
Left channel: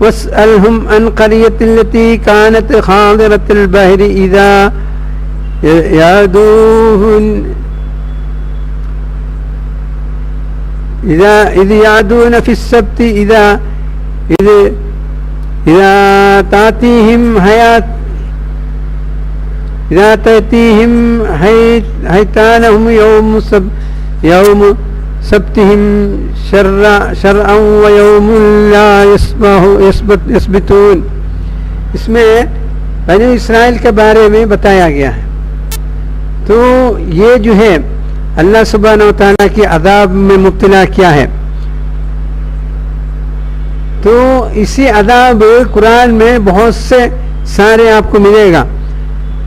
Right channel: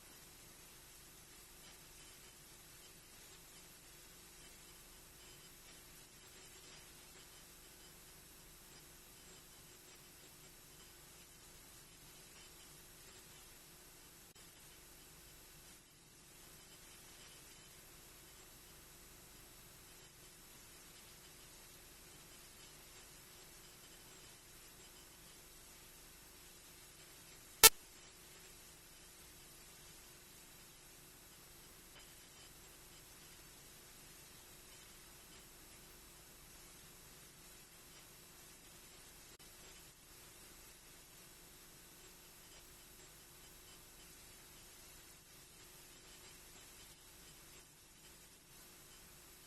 واسألهم عن قرية التي كانت حاضرة البحر إذ يعدون في السبت إذا تأتيهم حيتانهم يوم سبتهم شرعا ويوم لا يسبتون. اس میں بنی اسرائیل کے بارے میں بتایا گیا ہے. تو یہ جو ہے اللہ سبحانہ و تعالیٰ کی عذاب میں مبتلا کیا ہے. تو اسی عذاب قرآن میں بہت سے سارے آپ کو ملے گا.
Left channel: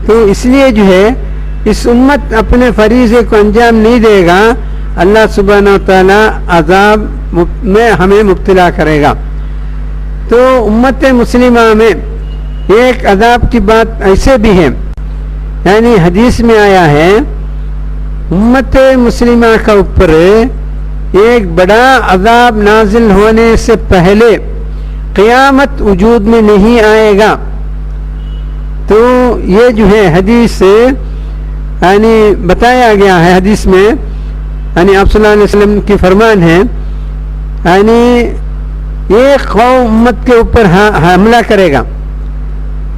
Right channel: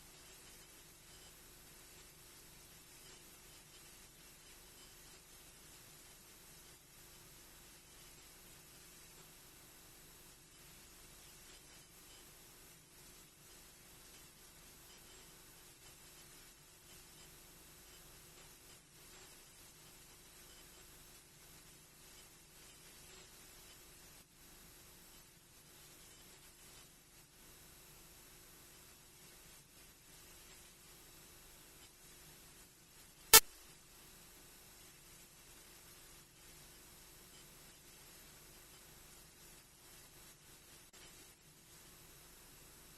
تو اس لیے جو ہے اس امت اپنے فریضے کو انجام نہیں دے گا، اللہ سبحانہ و تعالیٰ عذاب میں ہمیں مبتلا کرے گا. تو امت مسلمہ میں ایک عذاب کی بات ایسے بھی ہے، یعنی حدیث میں آیا ہے امت مسلمہ کا اوپر ایک بڑا عذاب نازل ہونے سے پہلے قیامت وجود میں نہیں آئے گا. تو یہ جو ہے حدیث یعنی بتایا گیا ہے، حدیث میں یعنی آپ صلی اللہ علیہ وسلم کی فرمان ہے، یعنی ایک قوم امت کے اوپر حملہ کرے گا،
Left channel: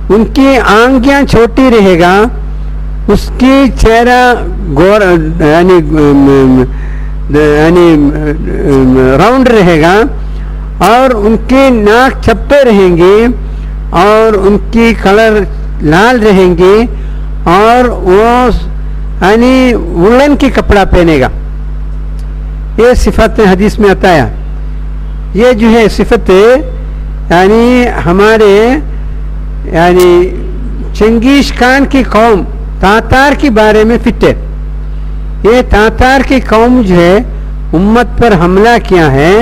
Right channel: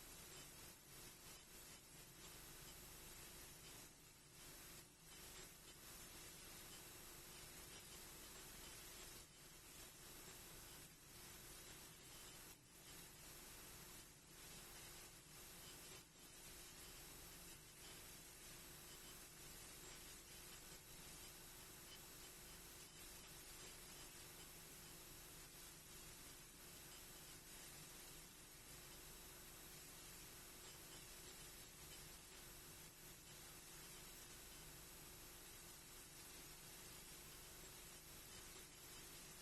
ان کی آنکھیں چھوٹی رہے گا، اس کی چہرہ یعنی راؤنڈ رہے گا، اور ان کی ناک چھپے رہیں گی، اور ان کی کلر لال رہیں گی، اور وہ یعنی وولن کی کپڑا پہنے گا. یہ صفت حدیث میں آتا ہے. یہ جو ہے صفت یعنی ہمارے یعنی چنگیز خان کی قوم تاتار کے بارے میں فٹ ہے. یہ تاتار کی قوم جو ہے امت پر حملہ کیا ہے،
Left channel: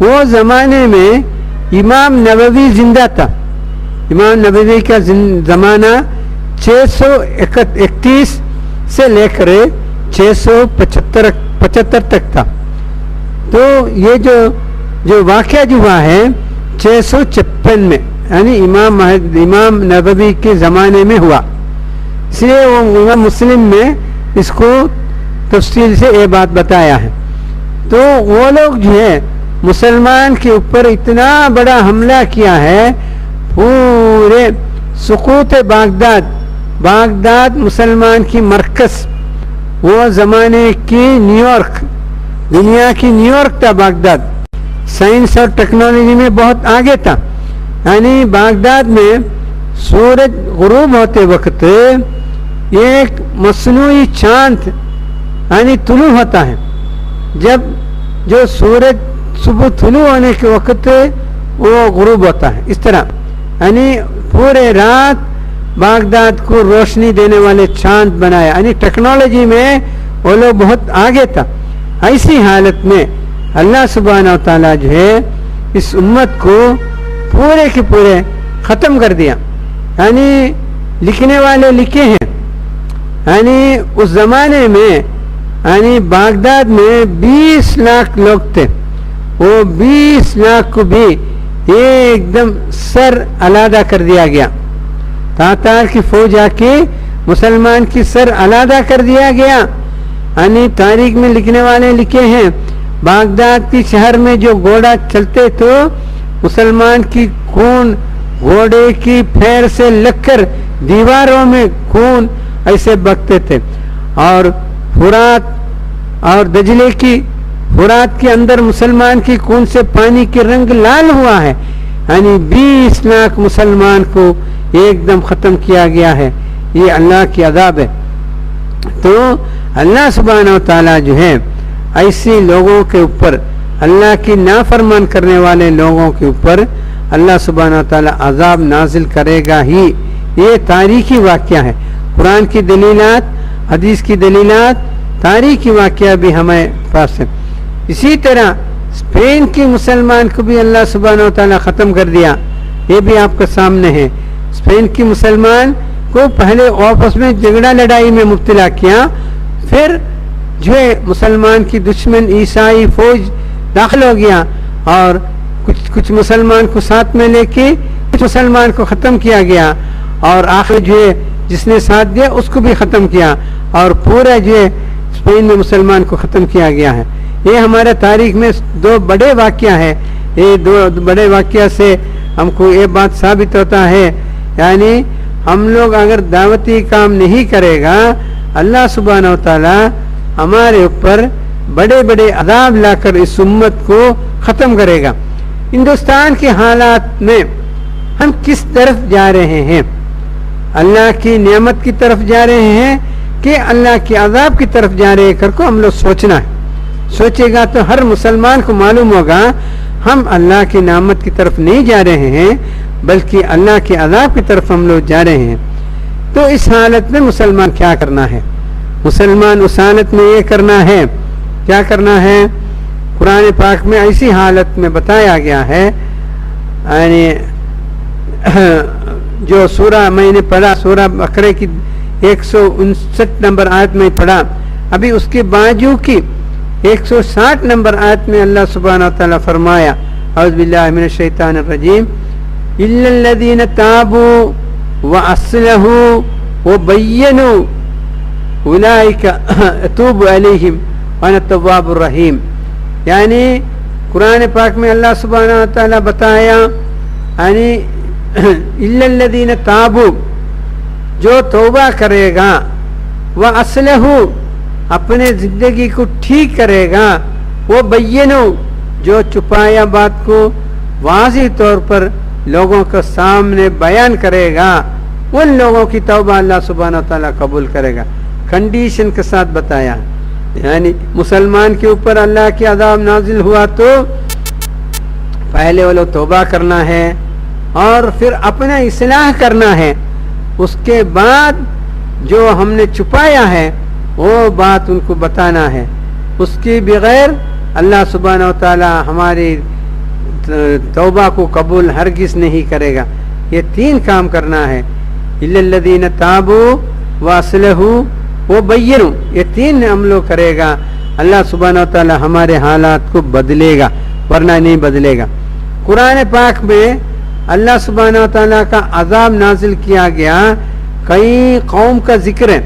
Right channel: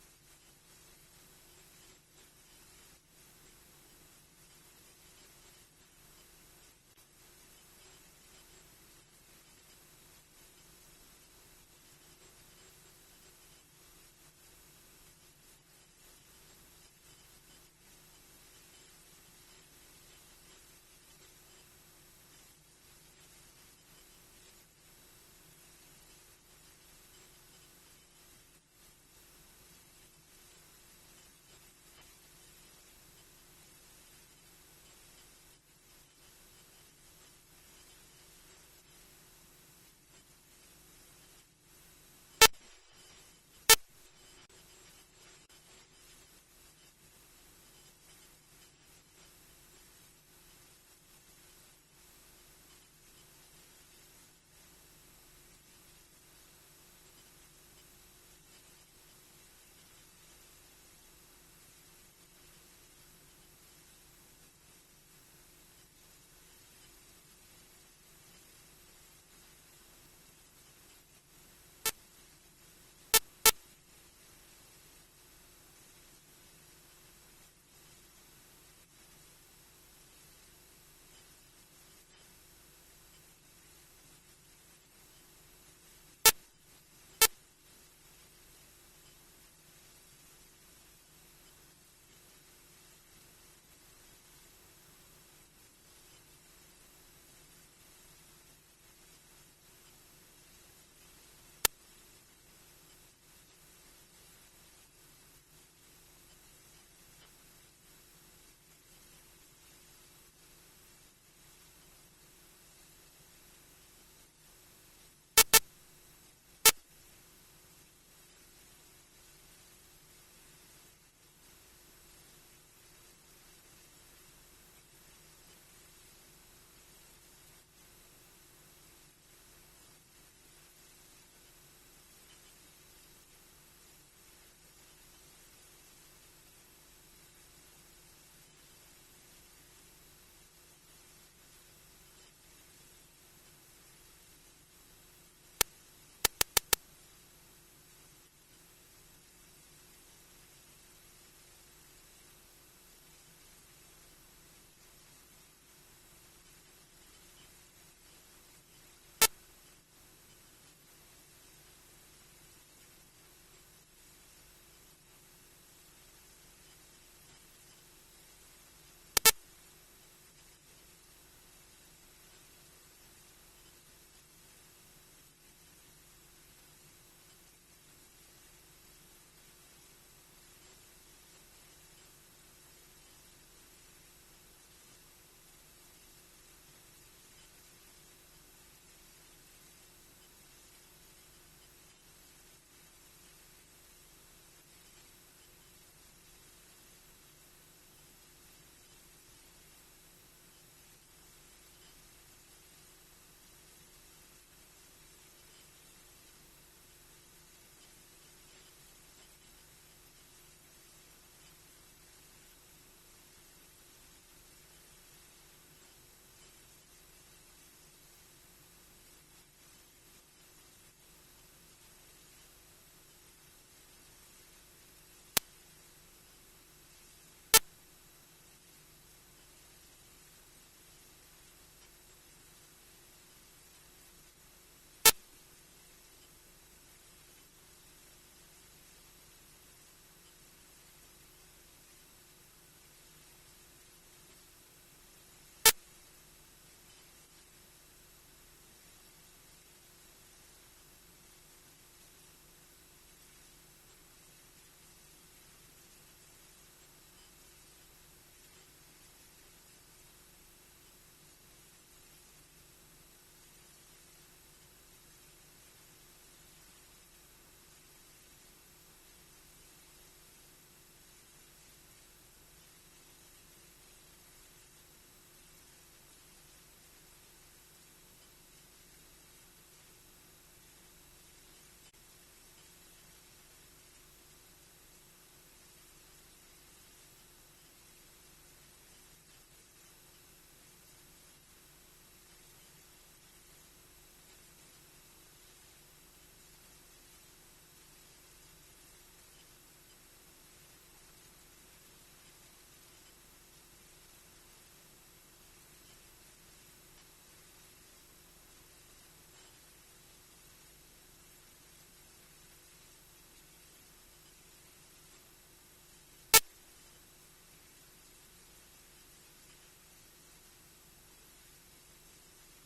وہ زمانے میں امام نووی زندہ تھا. امام نووی کا زمانہ 631 سے لے کر 675 تک تھا. تو یہ جو واقعہ جو ہوا ہے 656 میں، یعنی امام نووی کے زمانے میں ہوا. اس لیے وہ امام مسلم میں اس کو تفصیل سے یہ بات بتایا ہے. تو وہ لوگ جو ہے مسلمان کے اوپر اتنا بڑا حملہ کیا ہے، پورے سقوط بغداد مسلمان کی مرکز، وہ زمانے کی نیویارک، دنیا کی نیویارک تھا بغداد. سائنس اور ٹیکنالوجی میں بہت آگے تھا. یعنی بغداد میں سورج غروب ہوتے وقت ایک مصنوعی چاند یعنی طلوع ہوتا ہے. جب جو سورج صبح طلوع ہونے کے وقت وہ غروب ہوتا ہے. اس طرح یعنی پورے رات بغداد کو روشنی دینے والے چاند بنایا. یعنی ٹیکنالوجی میں وہ لوگ بہت آگے تھا. ایسی حالت میں اللہ سبحانہ و تعالیٰ جو ہے اس امت کو پورے کے پورے ختم کر دیا. یعنی لکھنے والے لکھے ہیں، یعنی اس زمانے میں یعنی بغداد میں 20 لاکھ لوگ تھے. وہ 20 لاکھ کو بھی ایک دم سر علیحدہ کر دیا گیا. تاتار کی فوج آ کے مسلمان کی سر علیحدہ کر دیا گیا. یعنی تاریخ میں لکھنے والے لکھے ہیں بغداد کی شہر میں جو گھوڑا چلتے تو مسلمان کی خون گھوڑے کی پھیر سے لگ کر دیواروں میں خون ایسے بگتے تھے. اور فرات اور دجلے کی فرات کے اندر مسلمان کی خون سے پانی کے رنگ لال ہوا ہے. یعنی 20 لاکھ مسلمان کو ایک دم ختم کیا گیا ہے. یہ اللہ کی عذاب ہے. تو اللہ سبحانہ و تعالیٰ جو ہے ایسی لوگوں کے اوپر، اللہ کی نافرمان کرنے والے لوگوں کے اوپر اللہ سبحانہ و تعالیٰ عذاب نازل کرے گا ہی. یہ تاریخی واقعہ ہے. قرآن کی دلیلات، حدیث کی دلیلات، تاریخی واقعہ بھی ہمیں پاس ہے۔ اسی طرح اسپین کے مسلمان کو بھی اللہ سبحانہ و تعالیٰ ختم کر دیا، یہ بھی آپ کے سامنے ہے۔ اسپین کی مسلمان کو پہلے آپس میں جھگڑا لڑائی میں مبتلا کیا، پھر جو ہے مسلمان کی دشمن عیسائی فوج داخل ہو گیا اور کچھ مسلمان کو ساتھ میں لے کے کچھ مسلمان کو ختم کیا گیا، اور آخر جو ہے جس نے ساتھ دیا اس کو بھی ختم کیا، اور پورا جو ہے اسپین میں مسلمان کو ختم کیا گیا ہے۔ یہ ہمارے تاریخ میں دو بڑے واقعہ ہے۔ یہ دو بڑے واقعہ سے ہم کو یہ بات ثابت ہوتا ہے، یعنی ہم لوگ اگر دعوتی کام نہیں کرے گا، اللہ سبحانہ و تعالی ہمارے اوپر بڑے بڑے عذاب لا کر اس امت کو ختم کرے گا۔ ہندوستان کے حالات میں ہم کس طرف جا رہے ہیں؟ اللہ کی نعمت کی طرف جا رہے ہیں کہ اللہ کے عذاب کی طرف جا رہے کر کو ہم لوگ سوچنا ہے۔ سوچے گا تو ہر مسلمان کو معلوم ہوگا ہم اللہ کی نعمت کی طرف نہیں جا رہے ہیں بلکہ اللہ کے عذاب کی طرف ہم لوگ جا رہے ہیں۔ تو اس حالت میں مسلمان کیا کرنا ہے؟ مسلمان اس حالت میں یہ کرنا ہے، کیا کرنا ہے؟ قرآن پاک میں ایسی حالت میں بتایا گیا ہے، یعنی جو سورہ میں نے پڑھا، سورہ بقرہ کی 159 نمبر آیت میں پڑھا، ابھی اس کے باجو کی 160 نمبر آیت میں اللہ سبحانہ وتعالی فرمایا، اعوذ باللہ من الشیطان الرجیم، الا الذین تابوا واصلحوا وبینوا اولئک اتوب علیہم وانا التواب الرحیم۔ یعنی قرآن پاک میں اللہ سبحانہ وتعالی بتایا، یعنی الا الذین تابوا، جو توبہ کرے گا، واصلحوا، اپنے زندگی کو ٹھیک کرے گا، وہ بینو، جو چھپایا بات کو واضح طور پر لوگوں کے سامنے بیان کرے گا، ان لوگوں کی توبہ اللہ سبحانہ وتعالی قبول کرے گا۔ کنڈیشن کے ساتھ بتایا، یعنی مسلمان کے اوپر اللہ کی عذاب نازل ہوا تو پہلے وہ لوگ توبہ کرنا ہے اور پھر اپنا اصلاح کرنا ہے، اس کے بعد جو ہم نے چھپایا ہے وہ بات ان کو بتانا ہے، اس کے بغیر اللہ سبحانہ وتعالی ہماری توبہ کو قبول ہرگز نہیں کرے گا۔ یہ تین کام کرنا ہے، الا الذین تابوا واصلحوا وبینوا، یہ تین ہم لوگ کرے گا، اللہ سبحانہ وتعالی ہمارے حالات کو بدلے گا، ورنہ نہیں بدلے گا۔ قرآن پاک میں اللہ سبحانہ وتعالی کا عذاب نازل کیا گیا، کئی قوم کا ذکر ہے،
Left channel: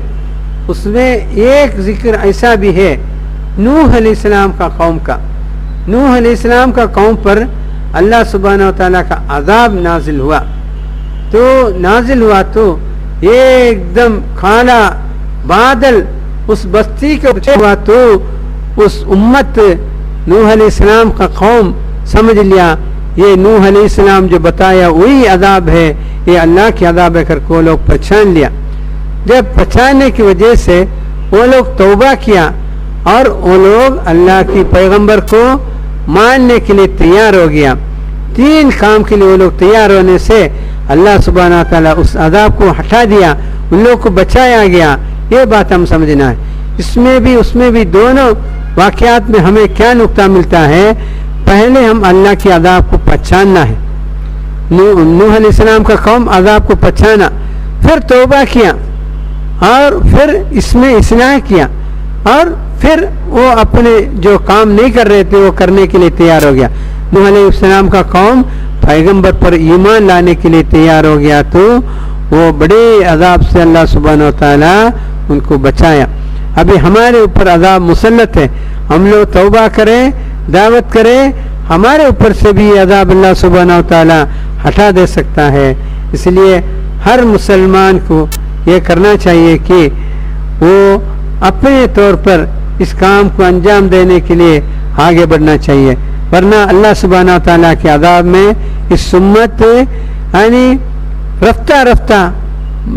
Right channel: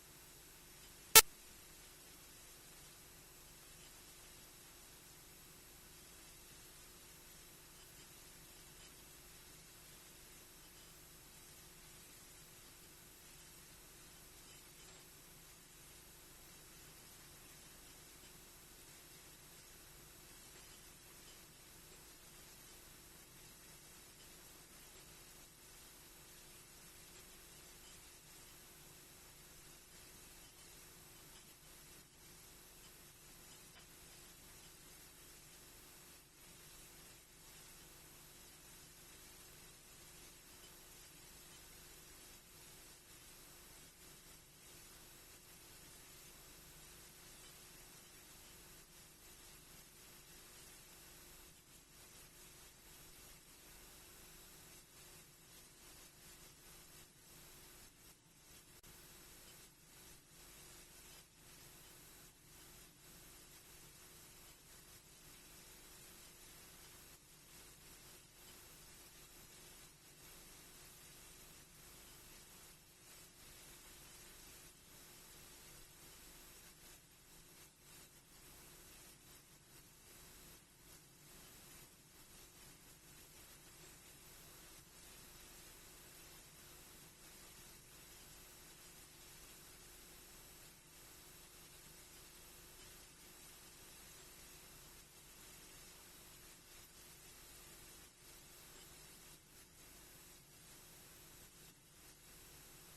اس میں ایک ذکر ایسا بھی ہے نوح علیہ السلام کا قوم کا۔ نوح علیہ السلام کا قوم پر اللہ سبحانہ وتعالی کا عذاب نازل ہوا، تو نازل ہوا تو ایک دم کالا بادل اس بستی کے اوپر ہوا، تو اس امت نوح علیہ السلام کا قوم سمجھ لیا یہ نوح علیہ السلام جو بتایا وہی عذاب ہے، یہ اللہ کی عذاب ہے کر کو لوگ پہچان لیا۔ جب پہچاننے کی وجہ سے وہ لوگ توبہ کیا اور وہ لوگ اللہ کی پیغمبر کو ماننے کے لیے تیار ہو گیا۔ تین کام کے لیے وہ لوگ تیار ہونے سے اللہ سبحانہ تعالیٰ اس عذاب کو ہٹا دیا، ان لوگ کو بچایا گیا۔ یہ بات ہم سمجھنا ہے۔ اس میں بھی دونوں واقعات میں ہمیں کیا نقطہ ملتا ہے؟ پہلے ہم اللہ کی عذاب کو پہچاننا ہے۔ نوح علیہ السلام کا قوم عذاب کو پہچانا، پھر توبہ کیا اور پھر اس میں اصلاح کیا، اور پھر وہ اپنے جو کام نہیں کر رہے تھے وہ کرنے کے لیے تیار ہو گیا۔ نوح علیہ السلام کا قوم پیغمبر پر ایمان لانے کے لیے تیار ہو گیا، تو وہ بڑے عذاب سے اللہ سبحانہ و تعالی ان کو بچایا۔ ابھی ہمارے اوپر عذاب مسلط ہے، ہم لوگ توبہ کریں، دعوت کریں، ہمارے اوپر سے بھی عذاب اللہ سبحانہ و تعالی ہٹا دے سکتا ہے۔ اس لیے ہر مسلمان کو یہ کرنا چاہیے کہ وہ اپنے طور پر اس کام کو انجام دینے کے لیے آگے بڑھنا چاہیے، ورنہ اللہ سبحانہ و تعالیٰ کے عذاب میں اس امت یعنی رفتہ رفتہ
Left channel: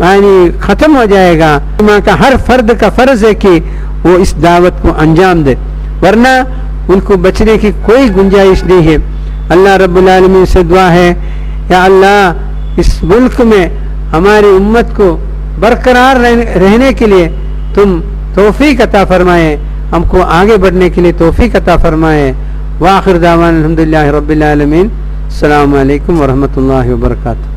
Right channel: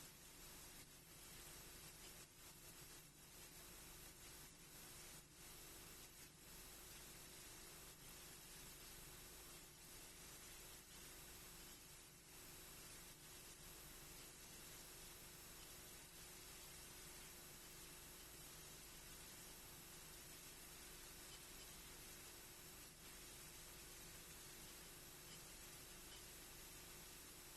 یعنی ختم ہو جائے گا۔ ماں کا ہر فرد کا فرض ہے کہ وہ اس دعوت کو انجام دے، ورنہ ان کو بچنے کی کوئی گنجائش نہیں ہے۔ اللہ رب العالمین سے دعا ہے، یا اللہ اس ملک میں ہماری امت کو برقرار رہنے کے لیے تم توفیق عطا فرمائے، ہم کو آگے بڑھنے کے لیے توفیق عطا فرمائے. وآخر دعوانا الحمدللہ رب العالمین. السلام علیکم ورحمۃ اللہ وبرکاتہ.